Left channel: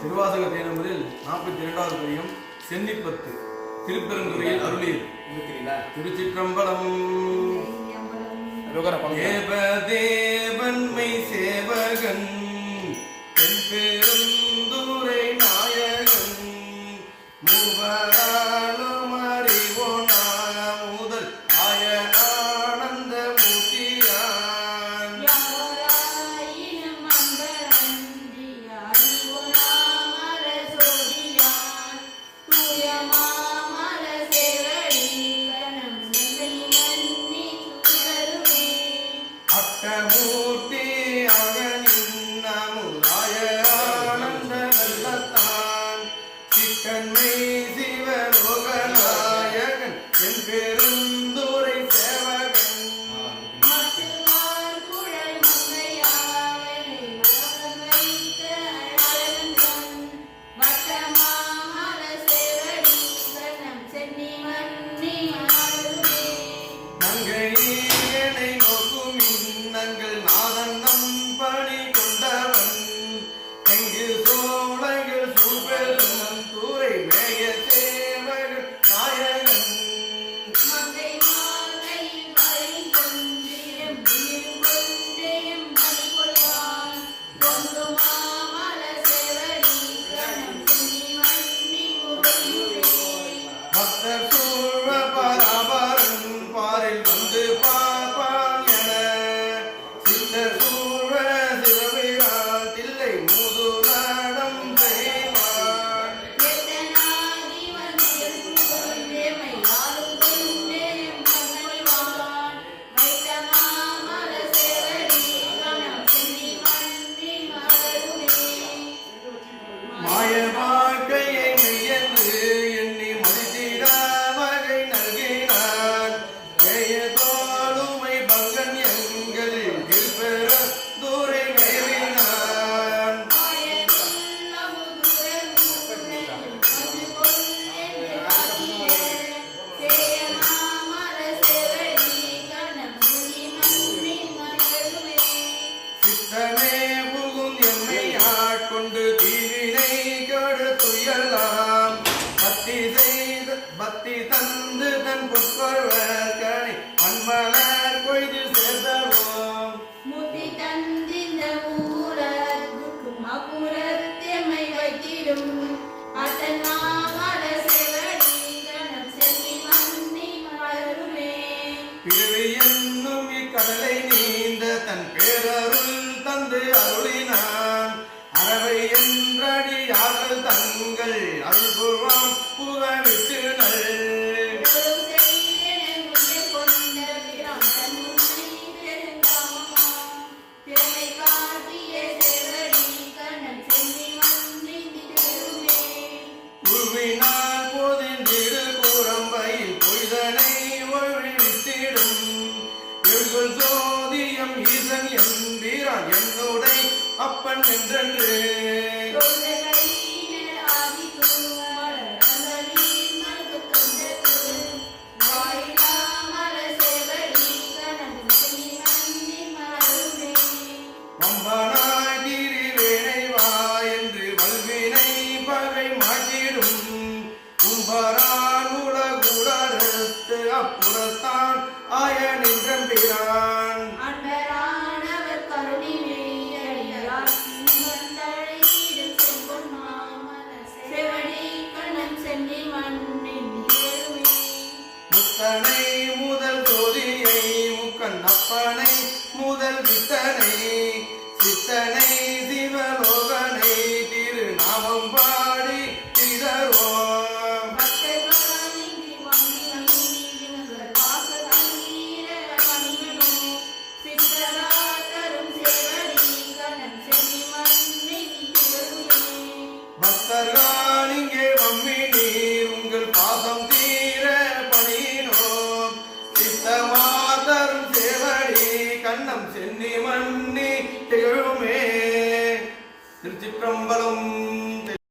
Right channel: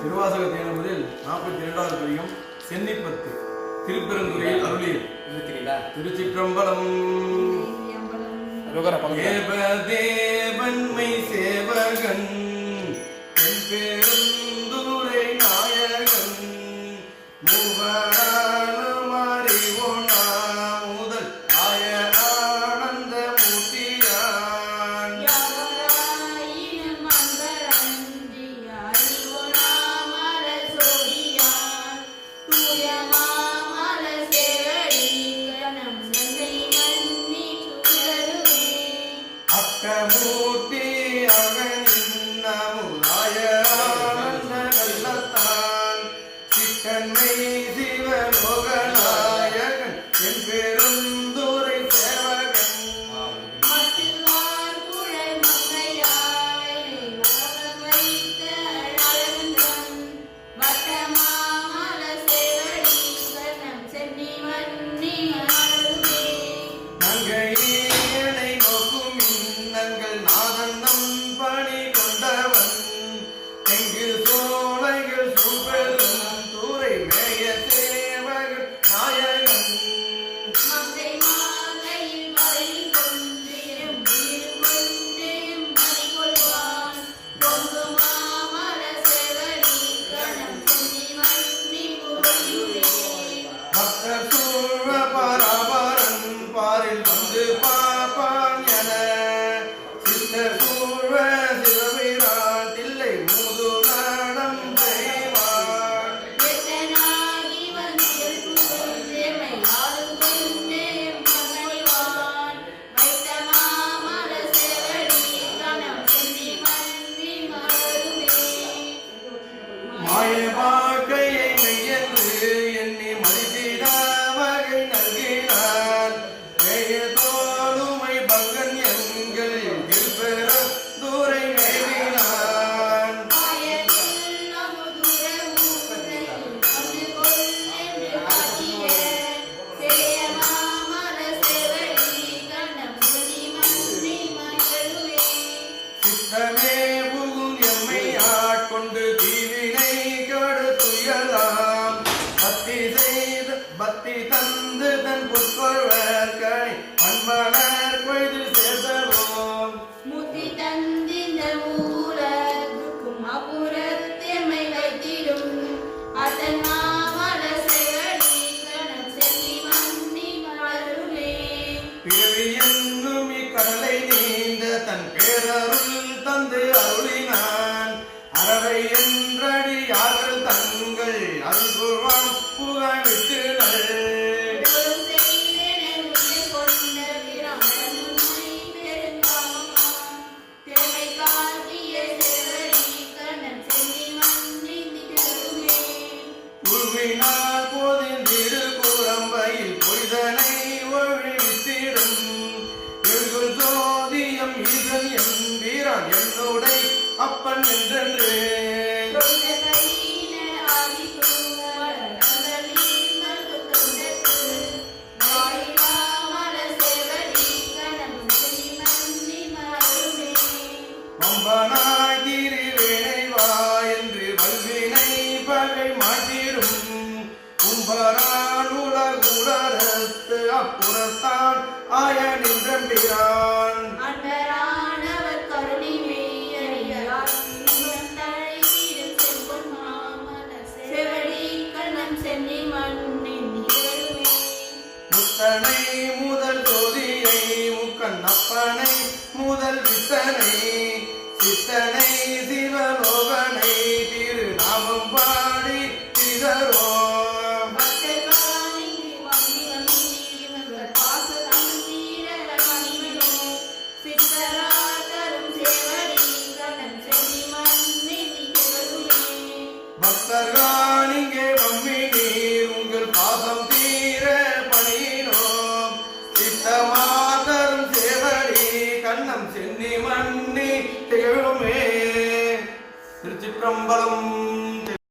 திருவாசகத்தை முதலில் 42வது பதிகம் சென்னிப்பத்து திருப்பெருந்துறையில் அருளியது. திருச்சிற்றம்பலம். தேவதேவன்மை சேவகன் பெருந்துரை நாயகன் மூவராலும் அறிவோனா முதல் ஆய ஆனந்த மூர்த்தியான் அக்கமூர்த்தி அவனின் அமுதாய ஆனந்த நல்லத்தான் சிக்கன்மை சிவலோகநாயகன் என் பெருந்துரை சேவகன் நங்கையனை நோக்கும் இன்னங்கள் நாதன்னம் பணி கொண்டவன் எங்கு சோலைகள் சூழ்பெரும் தூரை மேய சேவகன் நாயகன் பக்தர் சூழ்வ பராபரன் பாரில் வந்து பார்ப்பான் என சித்தர் சூழ்வ சிவபிரான் தில்லை மூது நாடம் செய்வான் மாய வாழ்க்கையை மெய்யென்று எண்ணி மதித்திட வகை நல்கினான் தோளுமை பங்கன் எங்கள் திருப்பெற தூரை மேவினான் சித்தமே புகும் எம்மை ஆட்கொண்டு தீவினை கெடுத்துயலாம் பக்தி தந்து தன் புட்கொள்வர்கனை அன்பனர் கொய்து சேர்தவோம் முத்தி தந்திந்த ஊரகும் அப்புறத்தெம்மை வைத்திடும் அதன் மாமல செவடி கணம் செல்வி மன்னி மலருமே பிறவி என்னும் இக்கடலை நீந்த தன் பேரருள் தந்து அருளினான் அறவை என்றடி யார்கள் தங்கள் அருள்புவான் புகழிட்டு உருவினார் போதின் திருப்புறம்பையில் பொய்தனை ஒழிவித்திடும் எழுகுள் சோதியம் ஈசன் எம்பீரான் என்னுடை அப்பன் என்றென்று வம்பனாய் தீரிவேணைவா என்று வல்வினை பகை மாட்டிடும் உம்பரான் உலகுடத்து அப்புறத்தான் ஆய நின்றம்பிரான் முத்தனை முதல் ஜோதியை முக்கன் அப்பனை முதல் வித்தனை சித்தனை சிவலோகனை திருநாமம் பாடி திகழ்வோம் பக்தர்கள் இங்கே வம்மி நீர் உங்கள் பாசம் தீர பணியினோம் சித்தமாதரும் சேவடி கண்ணம் சென்னி மன்னி திகழுமே. திருச்சிற்றம்பலம்.